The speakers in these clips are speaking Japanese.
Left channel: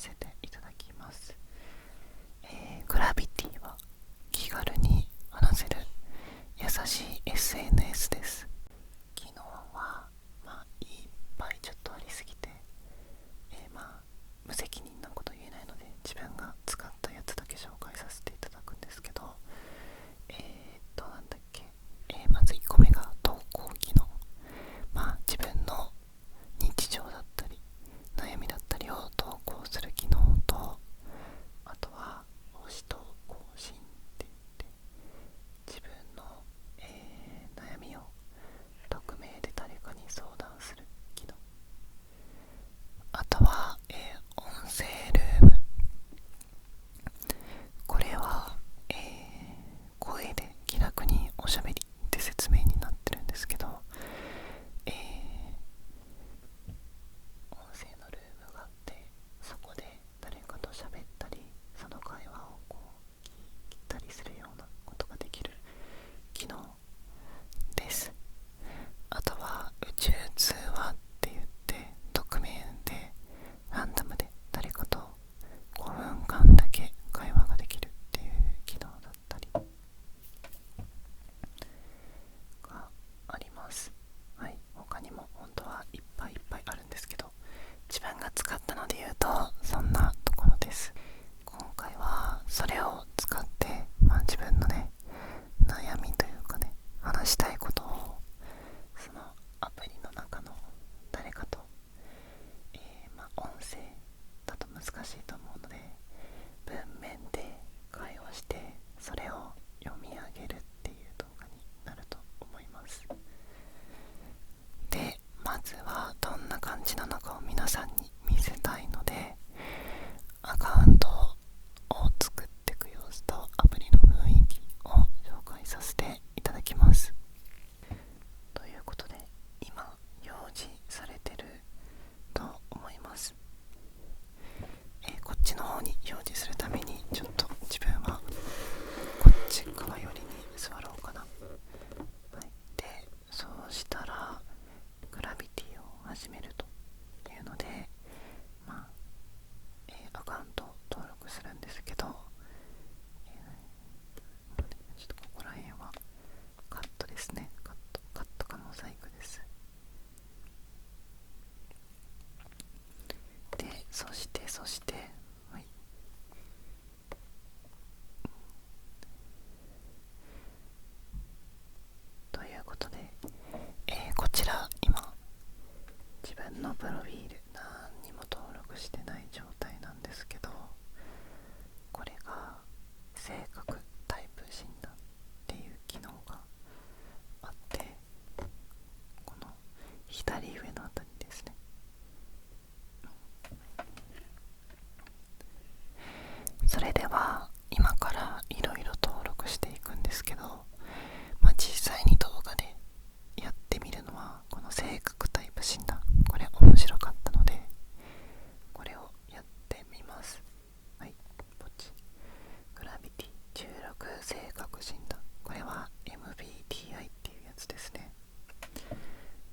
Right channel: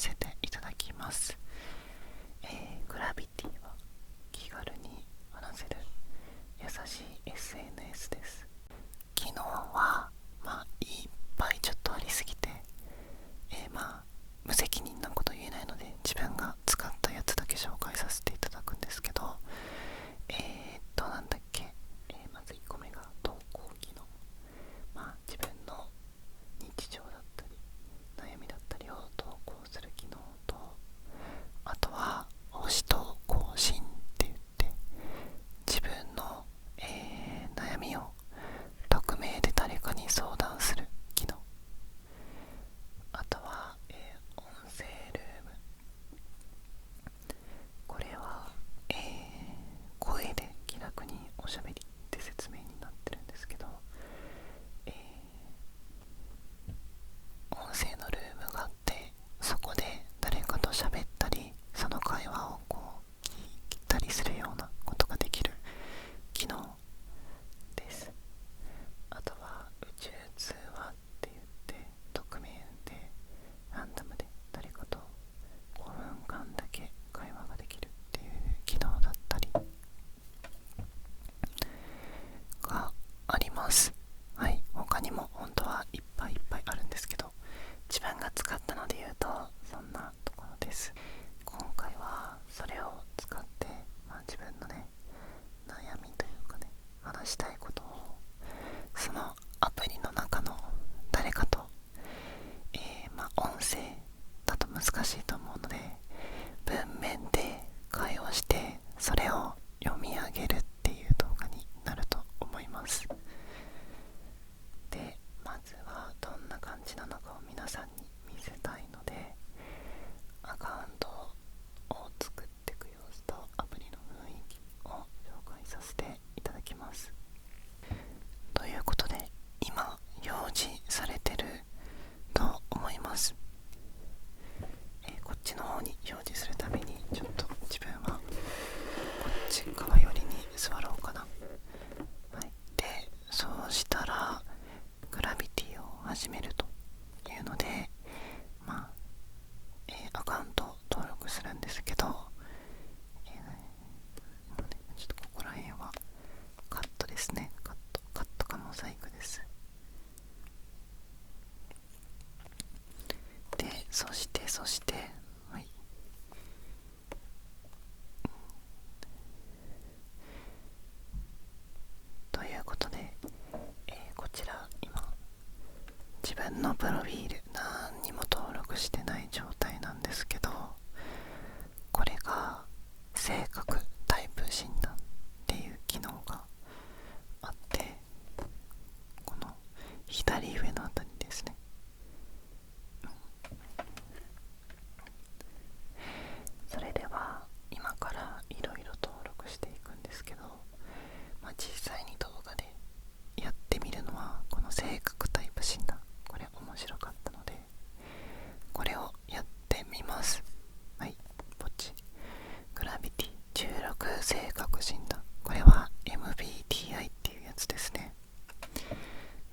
せていただきます。グラビティは気軽に話せる優しい SNS です。機能はいっぱいちょっとありすぎて、無責任なこと言えないので自分が使ったやつだけ紹介させていただくんですけど、なんだっけ、まず1個目が投稿機能。自分の日常だったり悩みだったりを投稿する機能と、あとは星と更新って言って自分の、悩みを匿名で誰かに相談する機能。あとは、音声ルーム。これは、声で気楽におしゃべりって説明になってるんですけど、音声のルームがあって、そこで誰かと喋ったりその会話を聞いたりするようなことができる機能です。あとは宇宙通話って言って、匿名でランダムで誰かと5分間だけ会話ができるっていう機能だったりがあります。はい、他にも本当はいっぱいいっぱいあるんですけど、自分が使ったので言うとそんなところです。今回はそれを使って、自分のね、悩みというかね、話したいことをそのアプリの中の誰かと、音声だと難しいと思うので文面で会話して、それを読み上げるっていう動画になると思います。で、まずはどんな感じなのかを皆さんに見せたいので、アカウントを作っていく様子とアプリの雰囲気を紹介させていただきます。ということで、今表示されてると思います。こっちの方に表示するためにちょっと自分はこっち側寄りに座ろうかな。で、そうしたらグラビティを始めるというので、アカウントを登録するんですけど、ちょっとここら辺はカットですね。カットかモザイクです。で、そして、はい、ということで、こちら今自分のプロフィール何にも登録してない状態なんですけど、これが性格タイプ診断っていう機能があって、この左上のあたりですね。それでは今からいろいろ登録していくんですけど、実際に動画でやってみるのはこの性格タイプ診断、これ面白かったのでこれをやってみます。はい、ポチ。グラビティ16性格診断、これは MBTI っていうやつですね。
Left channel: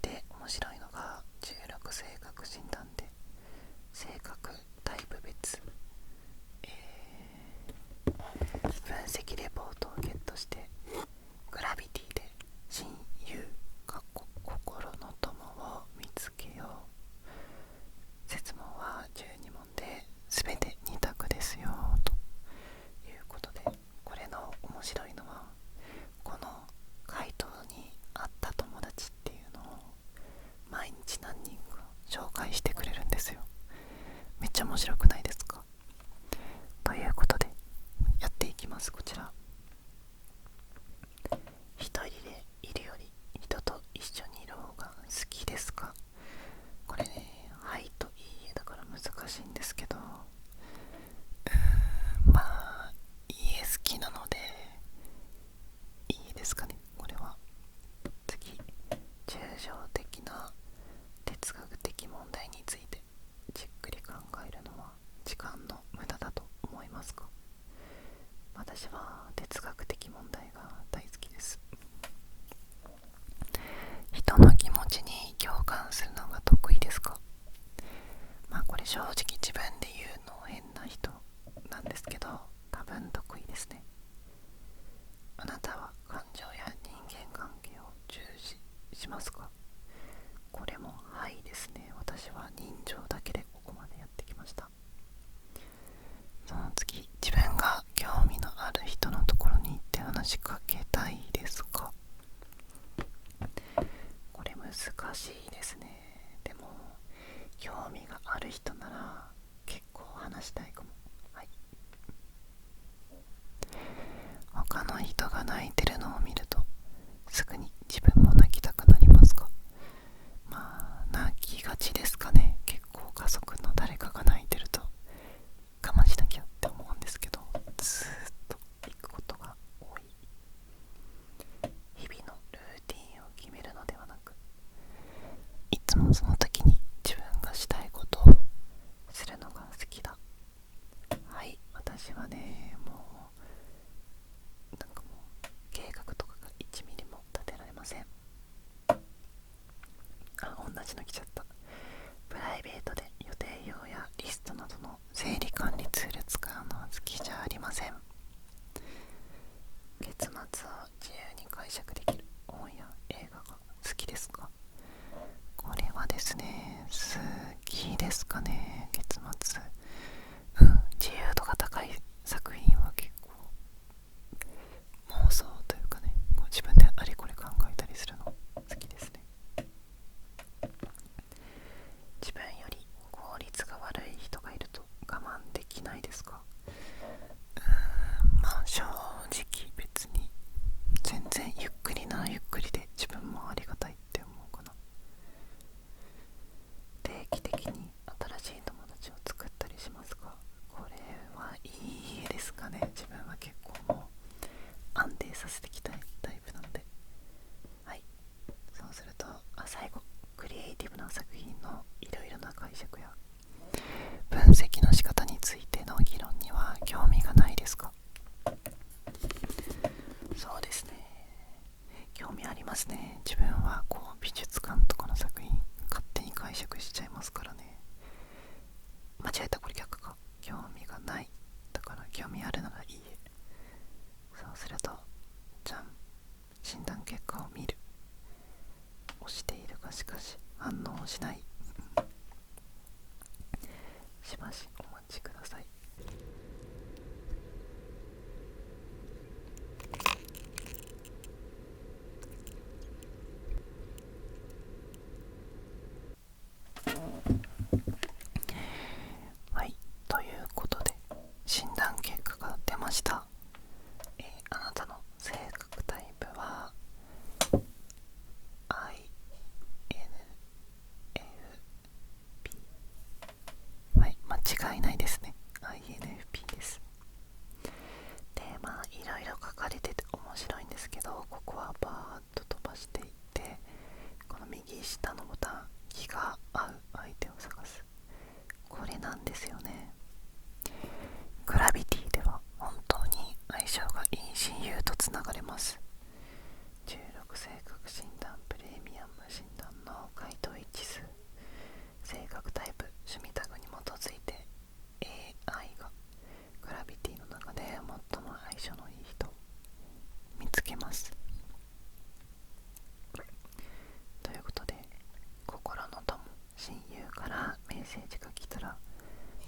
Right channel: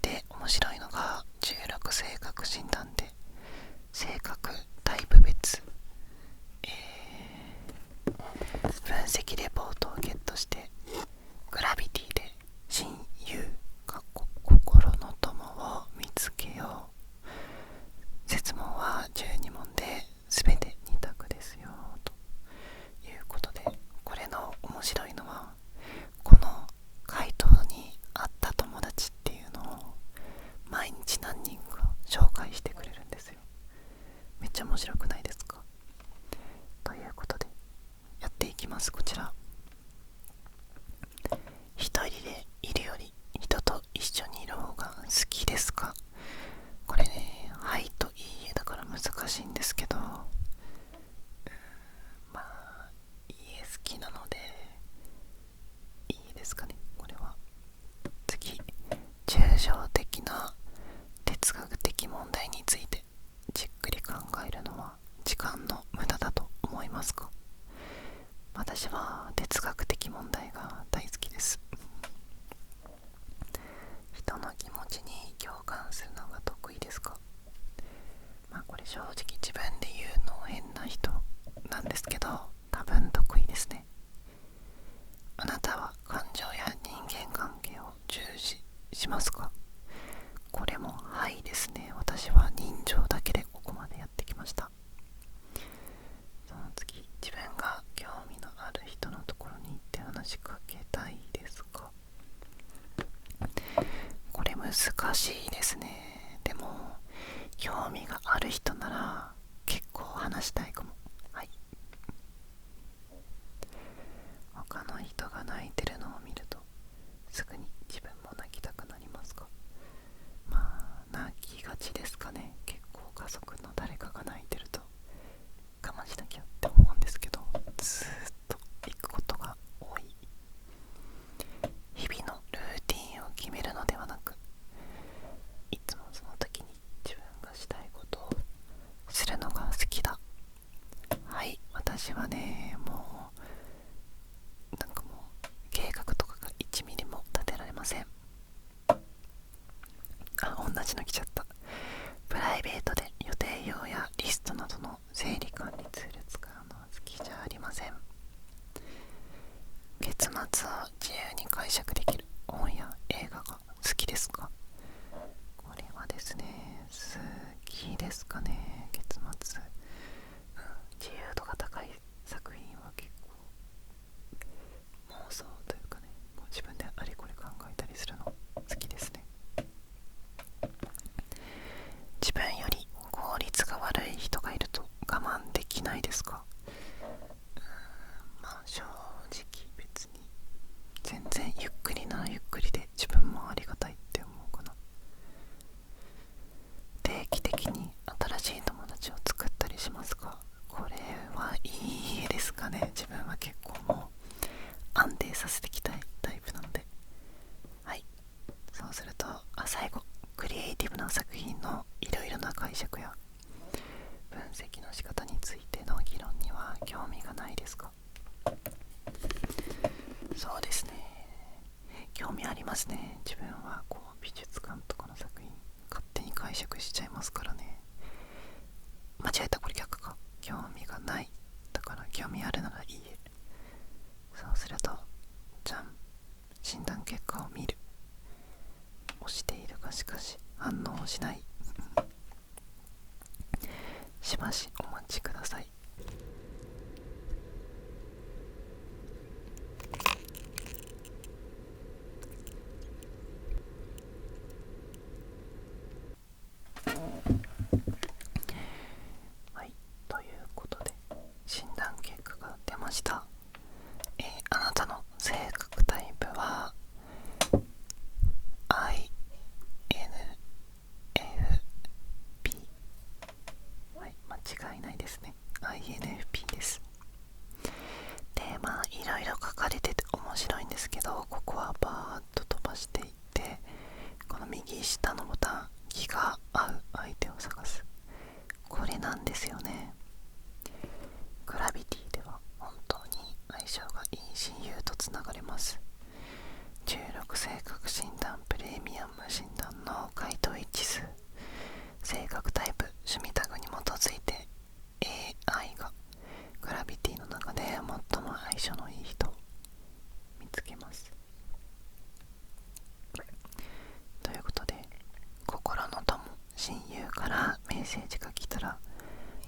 で、面白いのが16性格診断で性格タイプ別、分析レポートをゲットして、グラビティで親友心の友を見つけよう。設問は12問で全て2択ですよということで、これの面白いのはこの回答に合った友達っていうのを毎日何人か紹介してくれるんですよ。めっちゃ面白くないですか？ということでやっていきます。こちら、一人でいるより人と一緒にいる方が好きですか？これね、はいといいえだから難しいんですけど、いいえ好きなのでいいですかね。これは次、抽象的な哲学的問題についてじっくり考えるのは時間の無駄だと思いますか？私は哲学的問題が大好きです。人の気持ちに共感するのが得意ですか？これ正直自分で言うのですけど、多分得意ですね。あなたは感情や人間関係を重視しますか？これもはいですね。私は人情だけでここまでやってきました。その次、自分が興味のある人のところに行って話しかけたいですか？これ難しいですね。でも興味がある人なら結構話したいかも。はい。他の人が泣いてるのを見るとすぐに自分も泣きたくなりますか？まあ泣きがちですかね。結構家族の誰かが泣いてると我慢しなきゃって思うんですけど、ずーっと行くことが多い。日々のルーティンを決めるのではなく、いつもその時に自分がしたいことをするのが好きだ。はい、私はね、もうなんかもう計画とかが1ミリも立てられません。同じの来ちゃった。プライベートで予定表やリストなどの整理管理ツール使うのは好きじゃありません。月末を自由に解釈できる本や映画が好きですか？これはですね、好きですかね。月末、自由度が高い作品は結構妄想というかね、もう自分であれこれ考えたりするの好きですね。自分より効率が悪い人がいると我慢できないですか？まあ正直別に全然ゆっくりならゆっくりで自分もありがたいって思うかな。定期的に新しい友達を作ったりしますか？これはいいですかね。自分は結構もう安定させていきたいタイプなので。はい。そうすると最後、クリエイティブな作品のいろいろな解釈や分析の仕方についての議論には興味がないですか？そうですね、興味ありますね。自分はこう美術館とかの作品勝手に解釈しちゃいますからね。間違えた、これ逆か。興味がないだから興味あるならいいえ。そうするとじゃん、診断結果を見る。押しているがしかし反応しない。しばしお待ちください。はい、ということで診断結果が出ました。あなたの性格タイプは INFP。 はい、間違いないですね。 INFP です。でまあいろいろ書かれてて面白いんですけど、ここはバーッと飛ばしていって、この右下のボタン、気が合う相手を探す、これなんですよね。グラビティでは本当に相性がいい親友とつながれます。16性格診断プレミアム診断の回答一致数、性格タイプ、趣味タグに基づいて AI がグラビティの中で最も相性のいい人を見つけます。ということで、心の友、親友からメッセージが来たら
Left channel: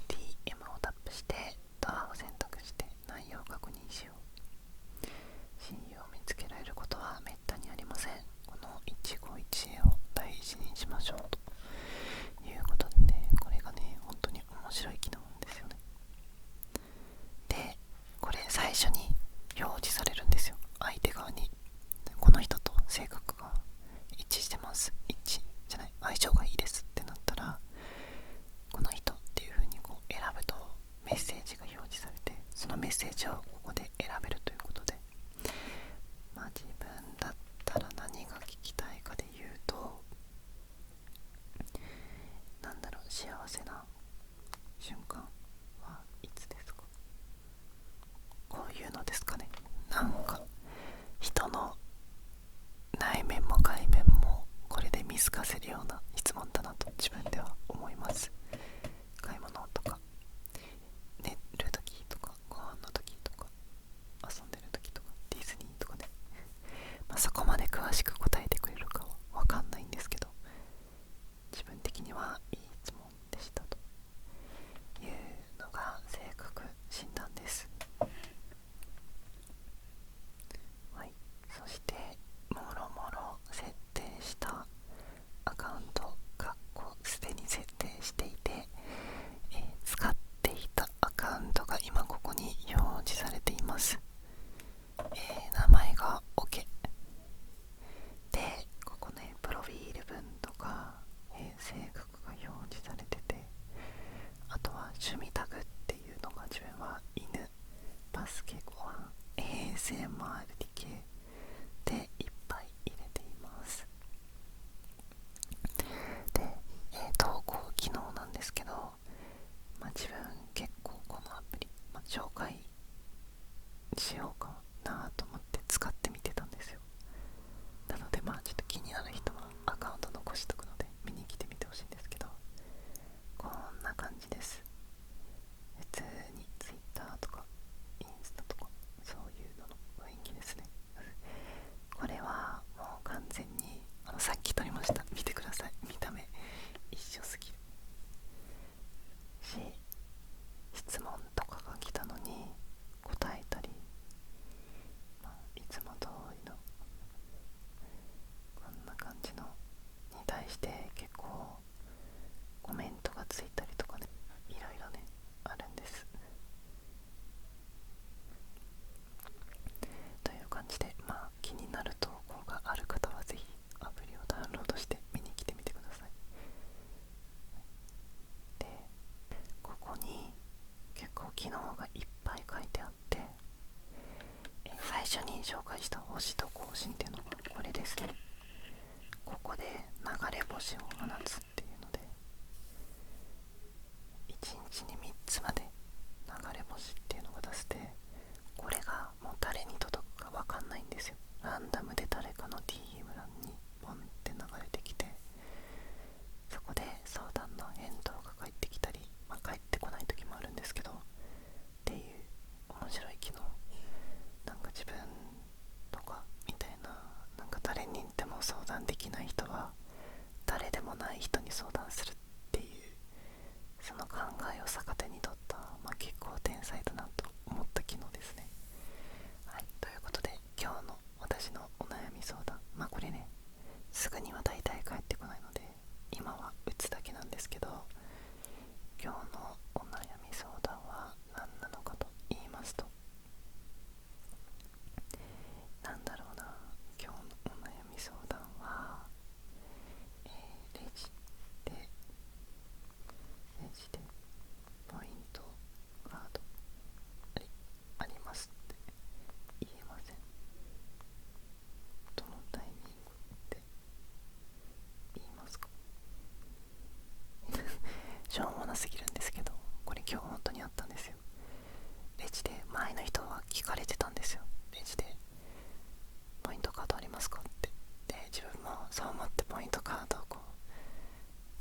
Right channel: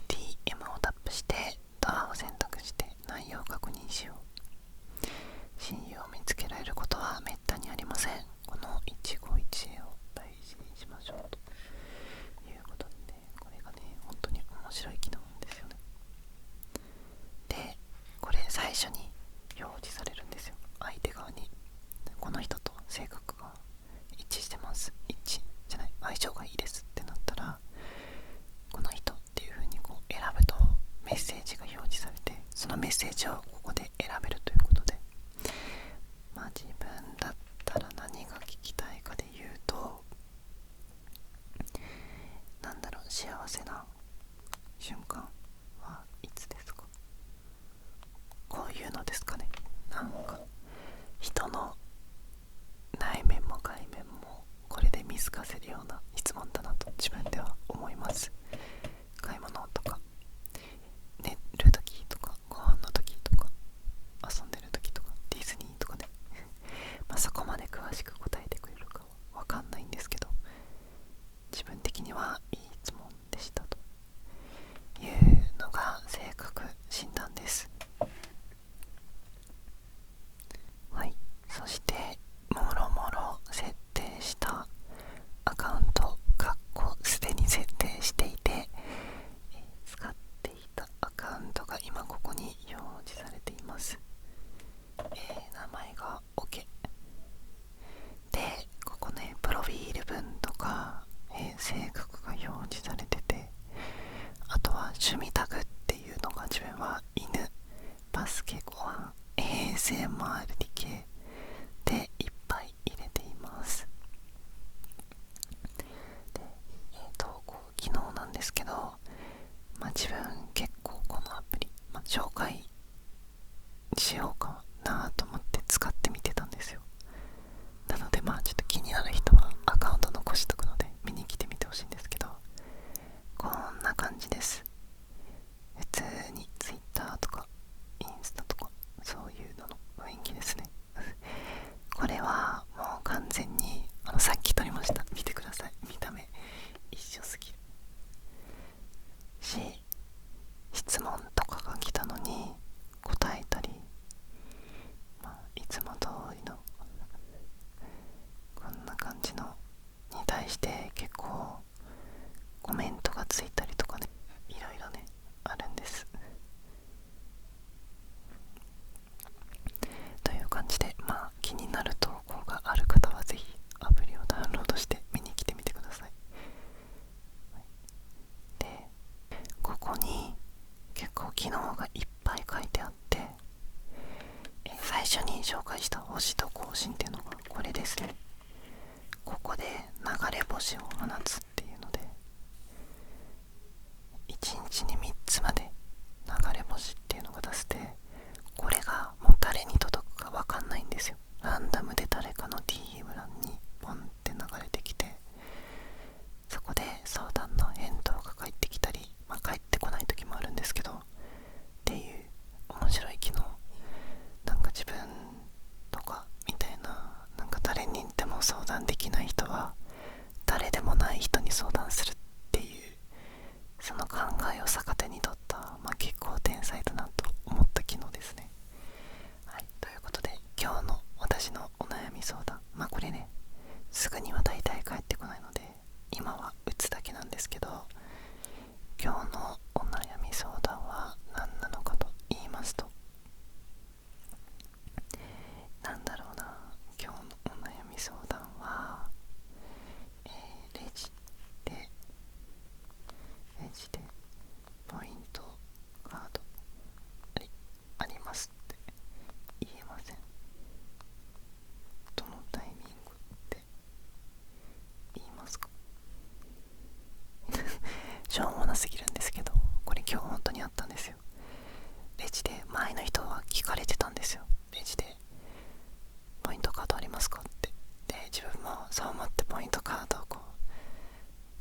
DM をタップしてドアを選択して内容を確認しよう。親友を見つけられることはめったにありません。この一期一会を大事にしましょうということでね、これがね本当に面白い機能なんですよね。でこれ最初に表示されるんですよ、相手側に。この人と性格が一致してます、一致じゃない、相性がいいですってなったら、この人っていう風にこう選ぶとメッセージが表示されて、そのメッセージをここで選べるということで、まあ自分だったら何が聞きたいかで言うと、なんだろう、幸せな瞬間はいつですか？こういうのですかね。なんか人の内面も外面もこれで見透かせるような質問だなと自分では思います。買い物とか寝る時とか趣味タグっていうのが自分は犬、バスケ、ご飯、ASMR 系でいっぱい入れています。で、投稿機能なんですけど、自分結構このアプリ、紹介しようかなと思って使ってみてたんですよ。なのでちょっと気になる人はアカウント残しとくので見に来てみてほしいんですけど、こんな感じです。普通に Twitter とかインスタとかそういうのの雰囲気ですね。これはもう完全にさっき撮りました。見てください。見た目一緒すぎるし、質問とかが来たのに答えたり、いつも通りのこんな感じのに対して結構コメントがついたりとかね、いろいろねあるんです。という感じで、気になる投稿がある方はぜひアプリをダウンロードして見に来てみてください。で、ここに結構機能がいっぱい書いてあって、最初に紹介した星と更新っていうのがこれですね。ここで流れ星を放つっていうので、1日に3つまで流れ星っていうのが出せて、これがもう誰に届くか分かんないんですよ。ランダムで誰かの DM 欄にポンって流れてきて、そこで相談の返答が返ってきたり、返ってこない時もあるんですけどっていう面白い機能。なんか自分とかみたいな、なんか誰にでも相談できない人は誰でもない人に相談するっていう、その考えを逆手に取った、結構天才だなと思った機能ですね。はい、ということで今日の私のお悩み相談、これねすぐには大体返ってこないので今は打つだけなんですけど、今日のお悩み相談は何なのかと言いますと、なんだろうな、今日のお悩み相談は、レジでポイントカードありますって言えません。どのタイミングで言いますか？しょうもなすぎるんですけど、これ今日本当にあったんですよ。レジで前の人は聞かれてたんですよ。レジでポイントカードありますかって。で、自分もそう思ってポイントカードを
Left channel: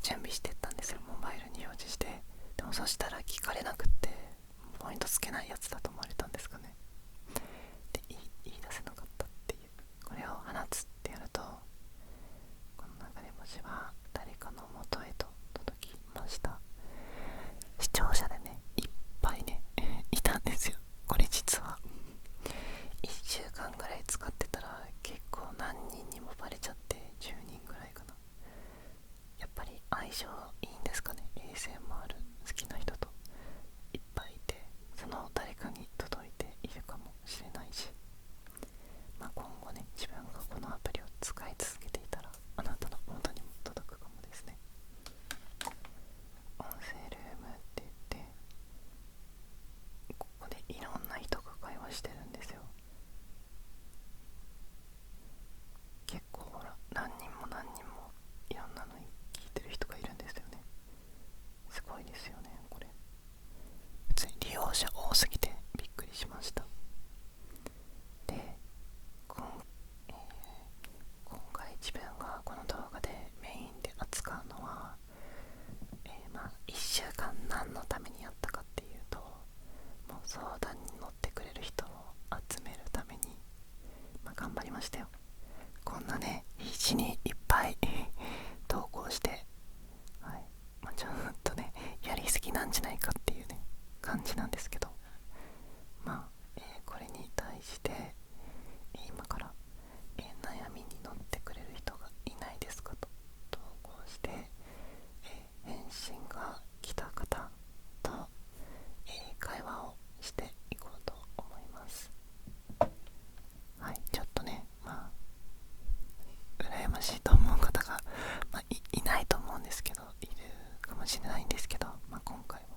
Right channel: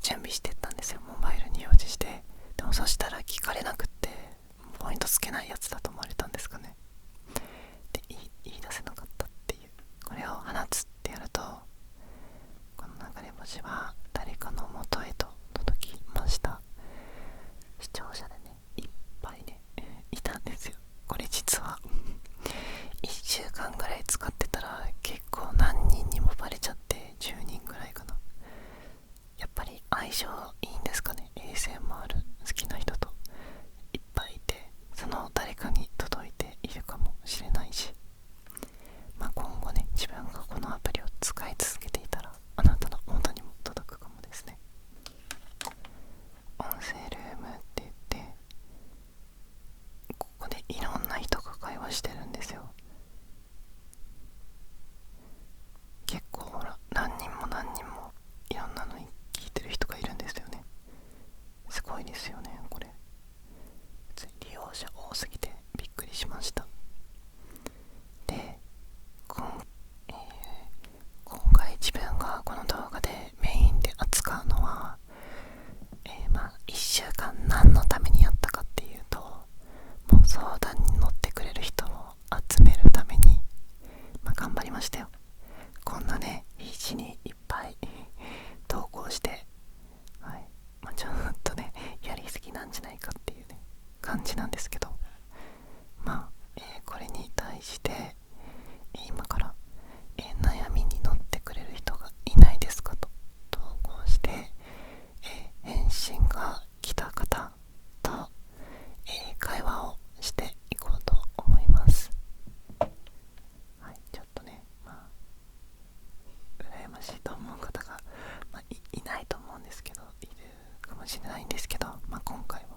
準備してったんですよ。モバイルに表示して。でもそしたら聞かれなくって、ポイントつけないやつだと思われたんですかね。で、言い出せなかったっていう。これを放つってやると、この流れ星は誰かの元へと届きました。視聴者でねいっぱいねいたんですよ。これ実は1週間ぐらい使ってたら結構何人にもバレちゃって、10人ぐらいかな。やっぱり相性いいんですかね。 ASMR 好きな人といっぱいいて、その誰かに届いているかもしれないし、今後ね自分がこのアプリを使い続けていたらあなたの元にも届くかもですね。音声ルームって言って、ここでいろんな人が会話してるんですよ。結構ほら何人もいろんなのに聞いてる人がいるんですよね。すごいですよねこれ。普通に利用者多すぎてびっくりしました。で、今回自分がこの動画でメインで扱うのは、1週間何のためにやったかっていうと、もう相談に乗ってくれる人を集めるために、頑張りましたよ。こんなね必死にいっぱい投稿して、はい、ちょっとねやりすぎなんじゃないかっていうね感じなんですけど、これに対して今から、悩みに乗ってくれる人がいないですかと投稿して、返信が来た方と、会話をしていこうと思います。はい、ちょっとね羨ましいと思う方が、いないと思うんですけど、いるかもしれないんですけど、今回は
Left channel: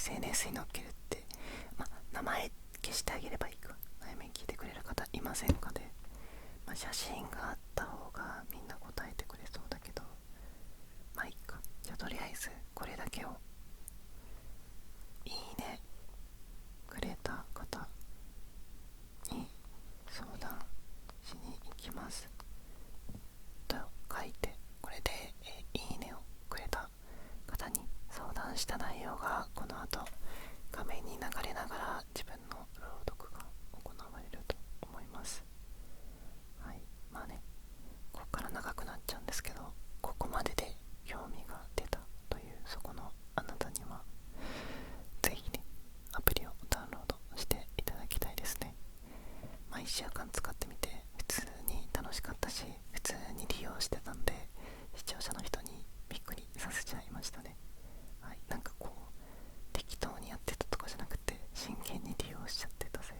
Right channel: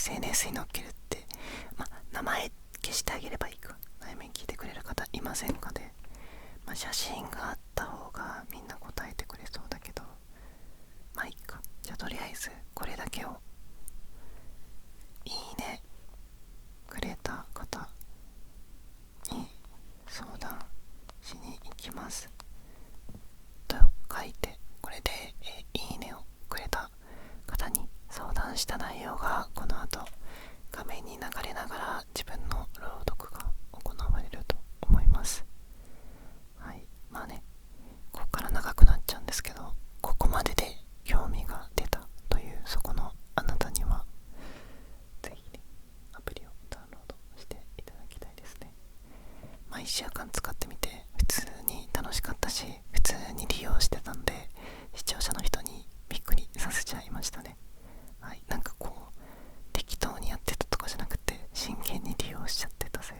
SNS に載っけるって、名前消してあげればいいか。悩み聞いてくれる方いませんかで、写真があった方がみんな答えてくれそうだけど、いいか。じゃあとりあえずこれだけをいいねくれた方に相談しに行きますと書いて、これで、いいねをくれた方に相談した内容がこの後画面に流れながら自分の朗読が行われると思います。はい、ここから長くなっちゃうんですけど、ここまでで興味が出たというそこのあなたにはぜひね、アプリをダウンロードしていただきたいですね。1週間使ってみて普通に楽しかったし、普通に利用してたんで、視聴者の人にびっくりさせちゃいましたね。はい、適当にやってたとかじゃなくて真剣に利用しちゃってたせい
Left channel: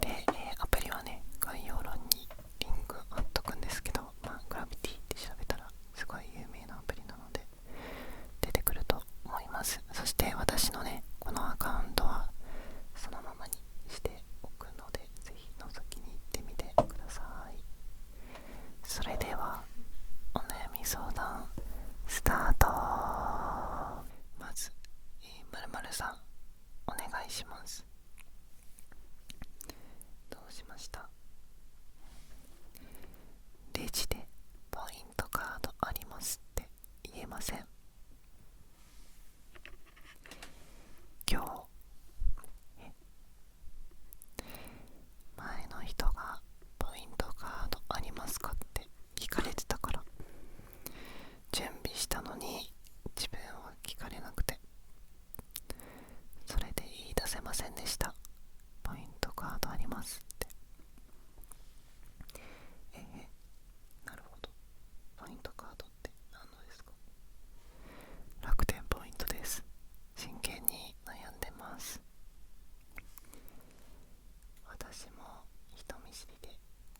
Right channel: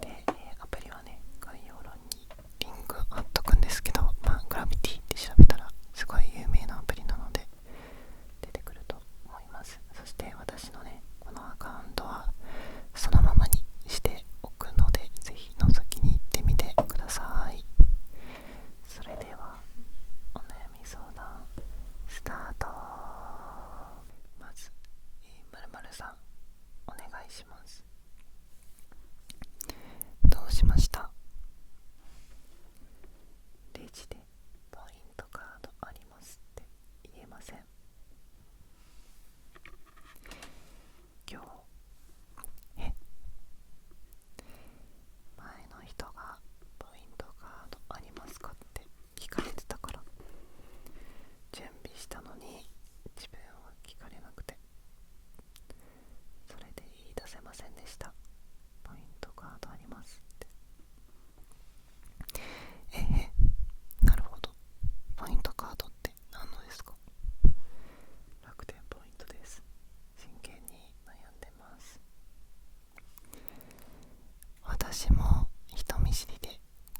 で、アプリはね、概要欄にリンク貼っとくんですけど、グラビティって調べたらすごい有名なアプリなので出てくると思います。そして私のね、このアカウントはそのままにしておくので、ぜひ覗きに行ってみてください。それではお悩み相談スタート。まず、〇〇さんお願いします。どうしました？レジでポイントカードありますって言えません。今日前の人がポイントカードありますかって聞かれてたから、準備したのに自分は聞かれなくて、それで言い出せませんでした。ポイントカードありますって。なるほど。ポイントカードって何のですか？楽天ポイントです。真剣に悩んでます。私も人見知りで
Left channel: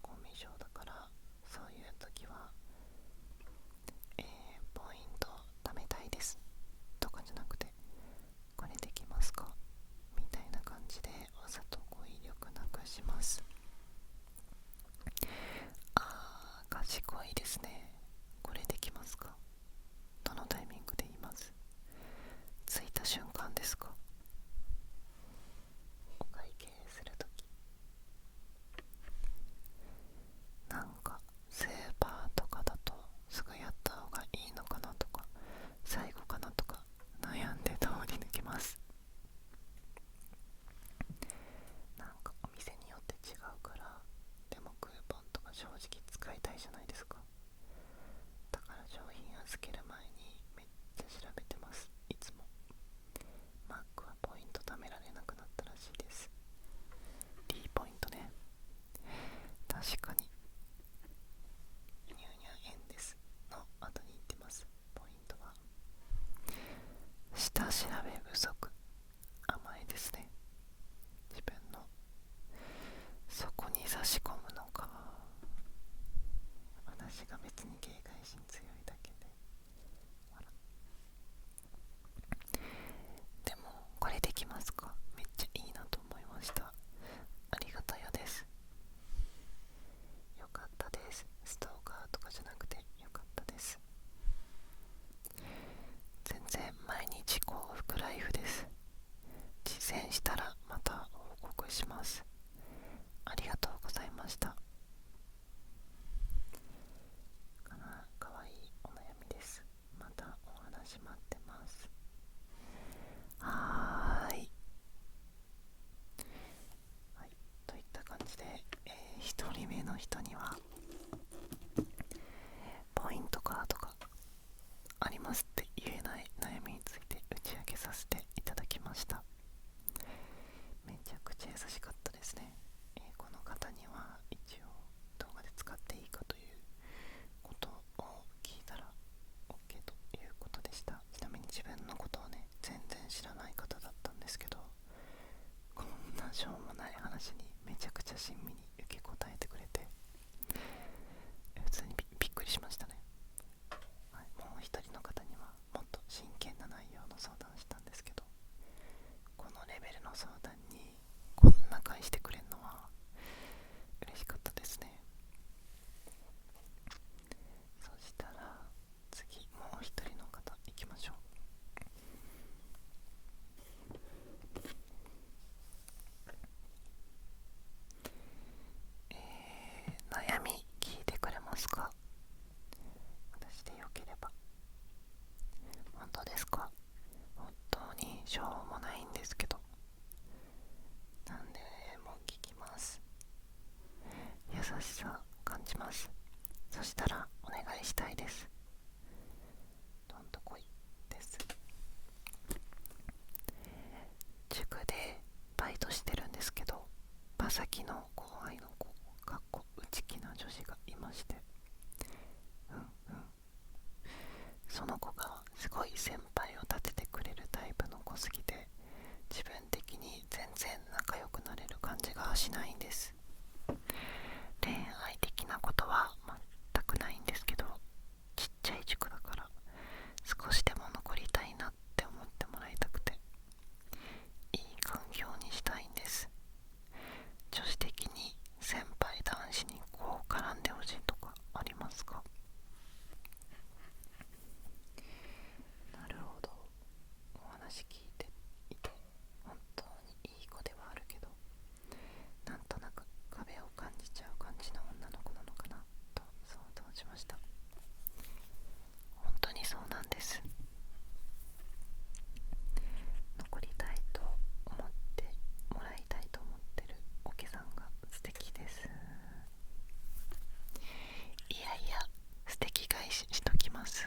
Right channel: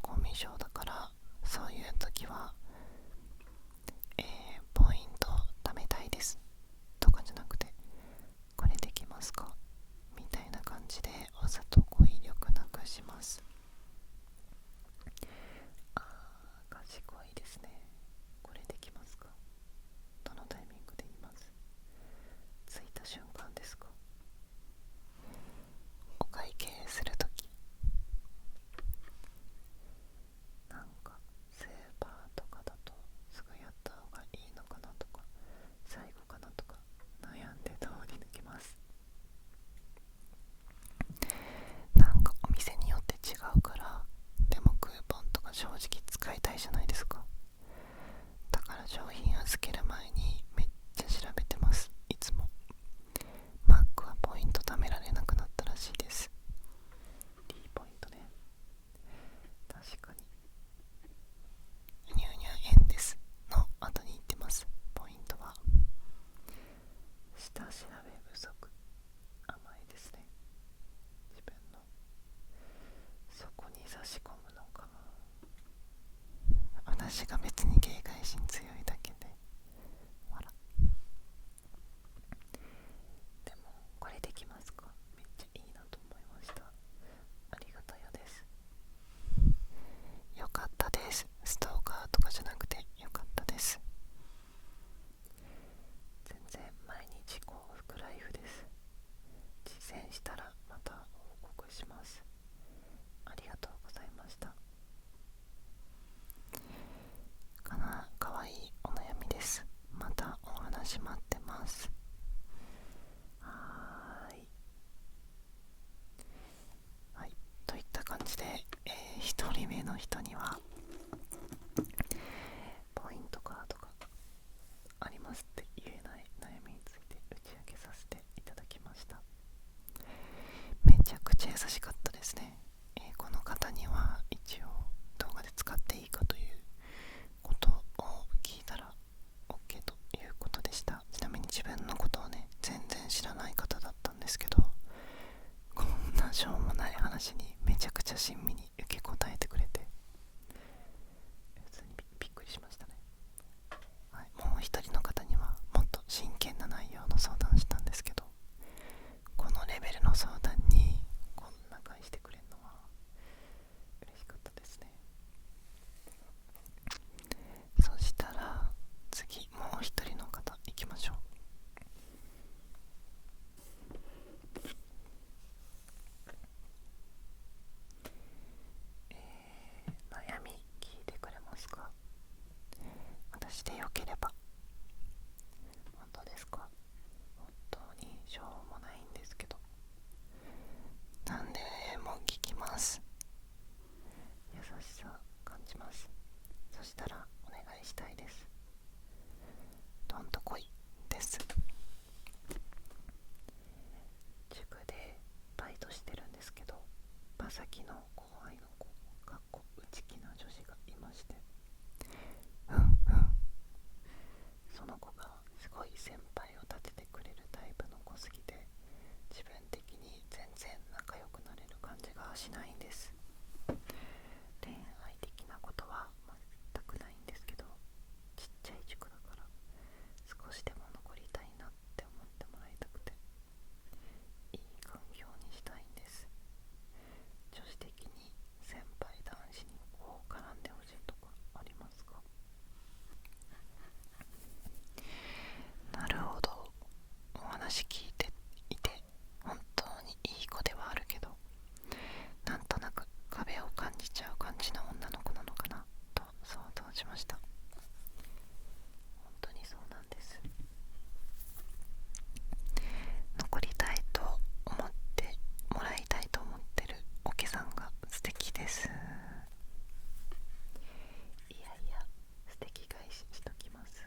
コミュ障だから、そういう時は、ポイント貯めたいですとかじゃなくて、これできますかみたいな感じでわざと語彙力なくします。賢いですね。これできますか？どのタイミングで言います？着いた瞬間ですか？お会計するとき、スーパーとかだとすぐやった方がいいのかなとか、最後かなとか悩んで通り抜けます。お店によって違うから、でもクーポンとか正直使いたいじゃないですか。だから商品預ける前にめっちゃ調べてます。いつもマックはポイント貯められなくなったらしいです。 D ポイントね。確かにニューニュー円ですの後に言ってます。ポイントは下調べ不足、甘いですね。自分のそこに差し込むのか、私が別に警戒心強いだけで。でもこれできますか？めっちゃいいなと思いました。ありがたやです。よかったです。ストーカーとかじゃなくてよかったです。全然毎日幸福ライフです。実践したらまた報告します。ありがとうございました。かわいいお悩みです。またお話待ってます。はい、といった感じで、1人目の人にはポイントカードがありますって言えない悩みについて打ち明けさせていただきました。めちゃくちゃ優しかったですね。この方には一応動画で使っていいかということを聞いたら OK ということでした。ちなみに自分のことをね、全然知らない方だったんですけど、こんなしょうもない話にめちゃくちゃ親身に受け答えてくれて、えば。本当ですか？本当にしょうもないんですけど、なんでも聞きます。優しさ感じます。そしたらお願いしたいです。どんとこいです。塾でバイトしてるんですけど、場先の後輩の子、内気な女子がいまして、その子がすごい先輩を立ててくれるタイプの子すぎて、自分的に全然仲良くなれる感じがしないんです。恋愛的なことは全くないんですけど、ちっちゃい塾だから少しでも残りたいなって思ってもらいたくて、いい環境にしたいんです。女子的に先輩男子にこう絡んでほしいとかありますか？なるほど。お話聞いていて本当にいい子ではあるけど、なんとなく壁を感じちゃう感じの女の子なのかなと想像しました。本当にそうなんです。残りたいと思ってもらいたいと思ってるおけさんが素敵です。いやいや、素敵返ししときます。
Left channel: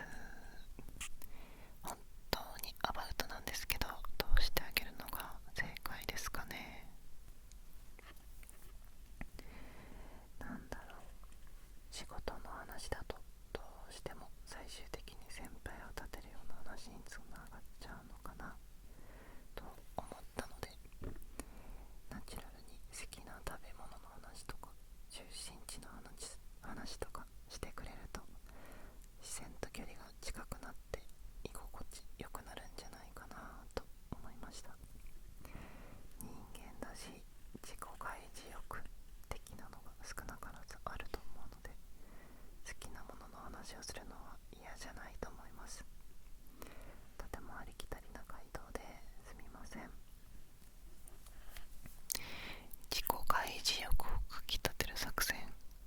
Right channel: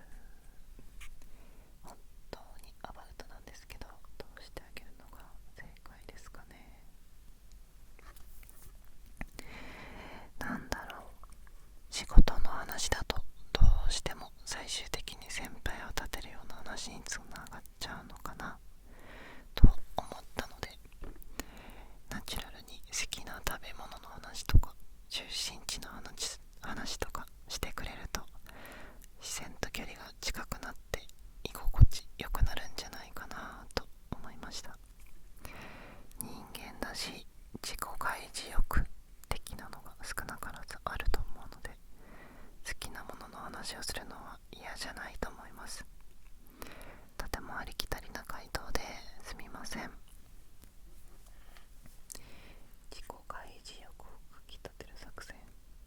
本当にアバウトなんですけど、どうしてあげるのが正解ですかね。なんだろう、仕事の話だとどうしても最終的に先輩を立てるような話につながっちゃうのかなと思ったので、ナチュラルに好きな食べ物の話とか出身地の話とかしてくれると、視線と距離が近くなって居心地良くなるんじゃないかなと思いました。人間だし自己開示欲的なのが少なからずあると思うので、好きなものの話をするのは嫌じゃないと思います。とてもありきたりな回答ですみません。自己開示欲をかき立てる作戦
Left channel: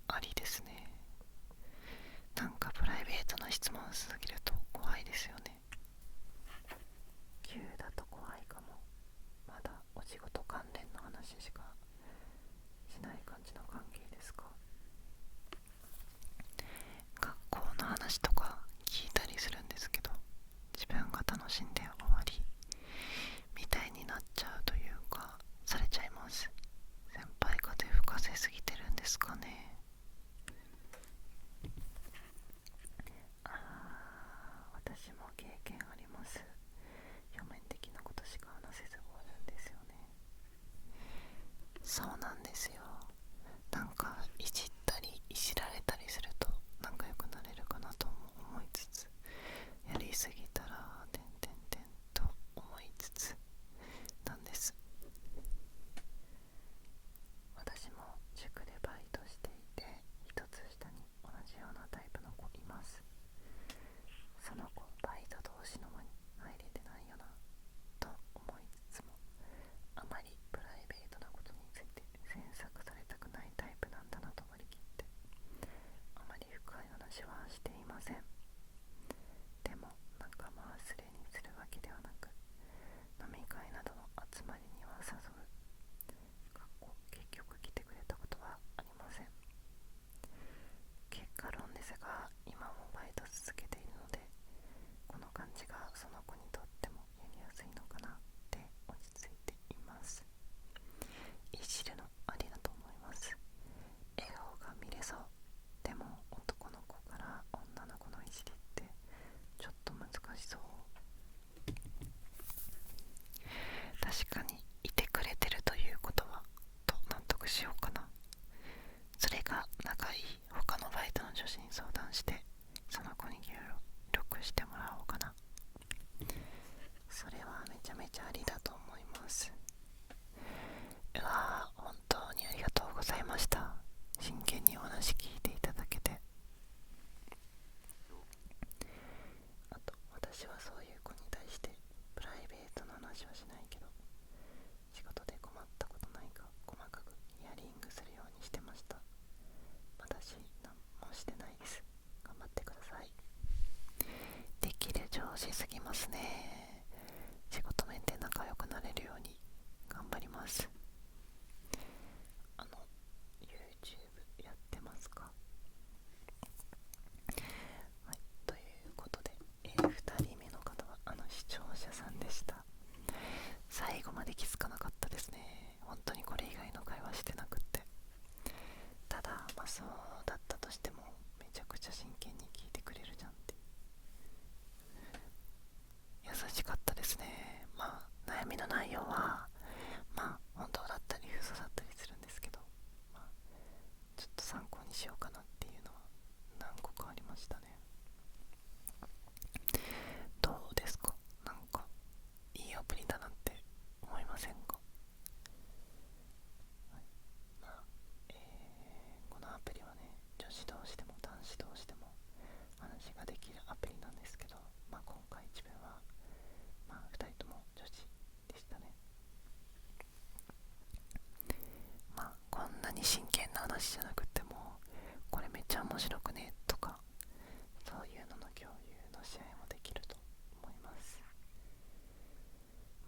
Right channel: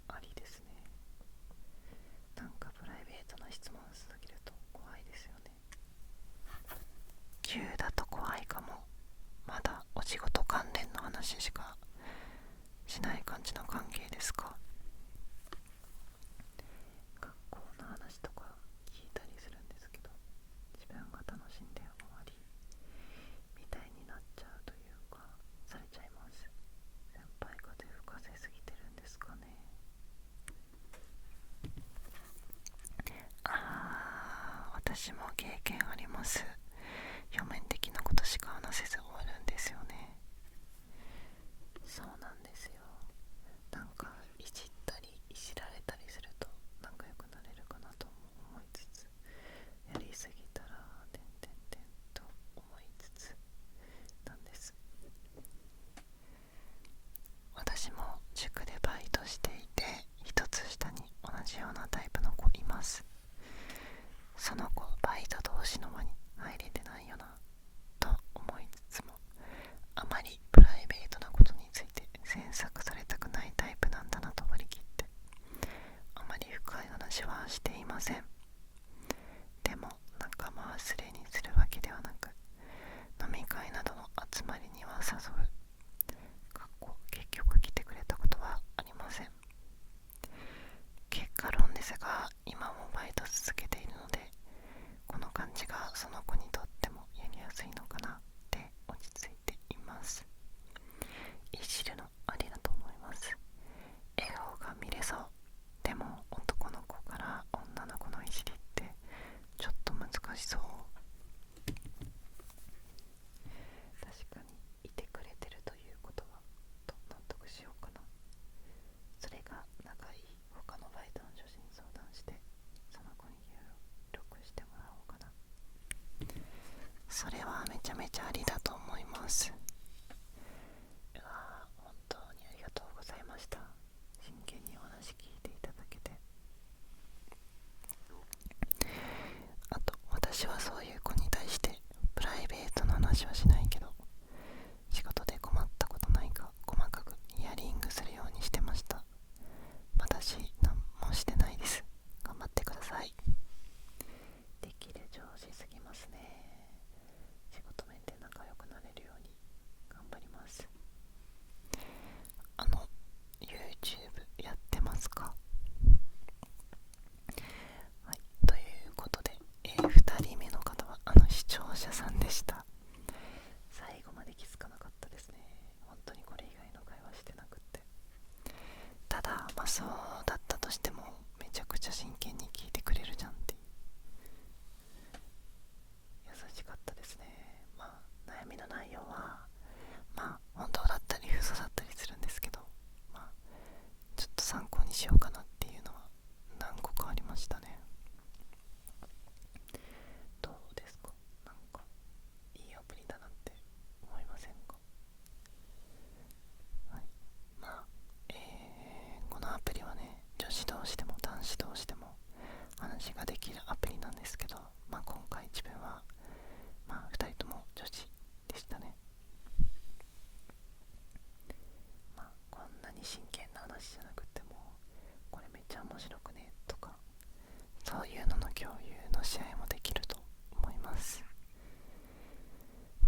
ありですね。なんかプライベートな質問すぎると怖いですよね。急だと怖いかも。まだお仕事関連の話しかしない感じの関係ですか？学校の話とか聞いたりするんですけど、自分が楽しんで終わりみたいになっちゃうというか、されちゃいます。先輩風吹かせすぎてるんですかね。私も経験あります。表面的なことしか話せず終わるんですよね。そうなんですよ。なんかいじったりいじられたりすると仲良くなれるかなとも思いつつ、やりすぎたらと思いつつなんです。私も塾でバイトしていて、一つ下に同じようなタイプの子います。その子バイト同士の輪に入れてないよなと思いつつも、あまりプライベートなことについて詮索されたくないタイプなんだなと割り切って、あまり深い話はしていません。でも仲間忘れにするわけではなく、飲み会などの集まりには誘う。結局来てくれたことはありません。結果論ですが、今もバイト続けているので、この感じがその子にとってもやりやすいのかなって落ち着いています。いじるのありだと思います。笑顔が見れそう。でも男の子から女の子のいじりってちょっと難しそう。確かにいてくれてるということはと納得しようかな。それが仲いい他のバイトの女子に相談して、その子に協力してもらおうかな。それはめちゃめちゃありだと思います。本当にありがとうございました。真剣にお話聞いていただけて。あと、私はそういう子に対してプライベートの話はしないけど、仕事で困ったことないか細かくヒアリングするようにしてました。私何もしてないです。頑張ってください。しすぎますね。仕事面で仲良くなれるように頑張ります。YouTube やってますか？はい、ということで、2人目の方は視聴者さんでした。最後まで気づかなかったですね。本当にこれ以外の会話してなくって。ただそうだったとしてもめちゃくちゃ真剣に聞いてくれるじゃんって優しかったですね。悩みの内容は本当だったり嘘だったりするんですけど、ちょっと参考にしようかなっていうのは何個かありましたね。どうですか？なんかいいアプリだなって思いませんか？はい、このアプリはね、女子同士でも男子同士でも話ができるアプリなんですけど、今回自分は2人とも女子でしたね。こんなに真剣な話じゃなくても、これめっちゃ面白くねとか、そういうのの共有の試合もできると思います。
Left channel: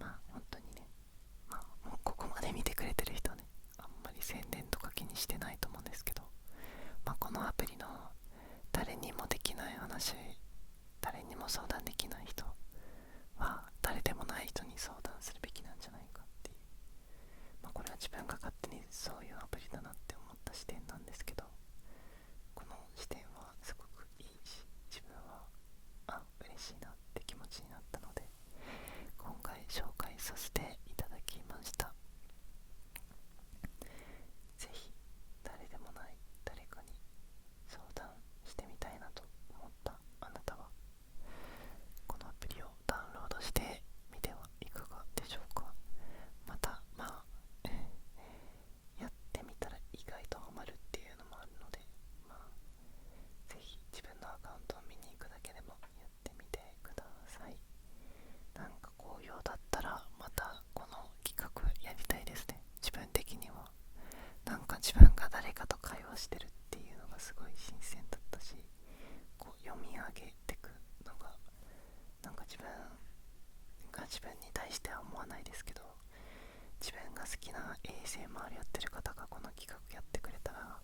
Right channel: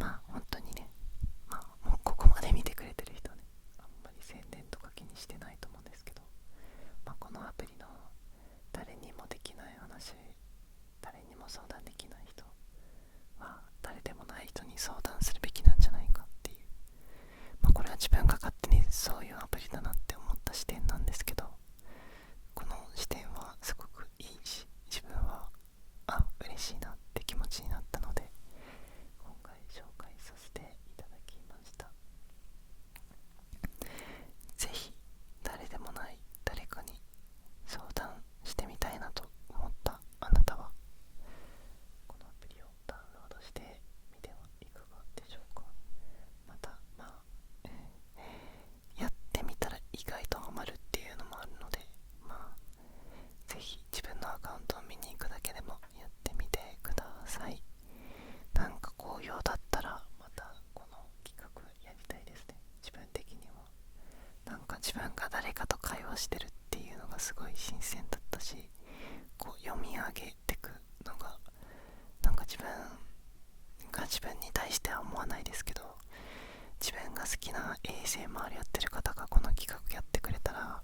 本当にね、もうここまで見てくれてる人ね、あんまり宣伝とか気にしてないと思うんですけど、このアプリの誰にもできない話、誰にも相談できない人は誰でもない人に相談するべきなんじゃないかっていう、これは自分が勝手にそういうアプリだなって思った視点なんですけど、この視点はすごくいいし、自分は嬉しいなって気持ちになったので、今回紹介させていただきました。ぜひ誰でもない誰かに相談してみたいなと思ったあなたは、このアプリをダウンロードしてみてはいかがでしょうか。またやってみたら意外とハマるっていうのもあるので、ぜひ自分のアカウントを見に行くだけでもやってみてください。なんか好評だったらまたこの企画やりたいですね。自分的にはなんか自分が誰かと会話してるっていうのがすごい新鮮だったし、読み上げてくのがなんか自分に対しては思わないですけど、自分が好きな ASMR やってる方がこの企画やってくれたら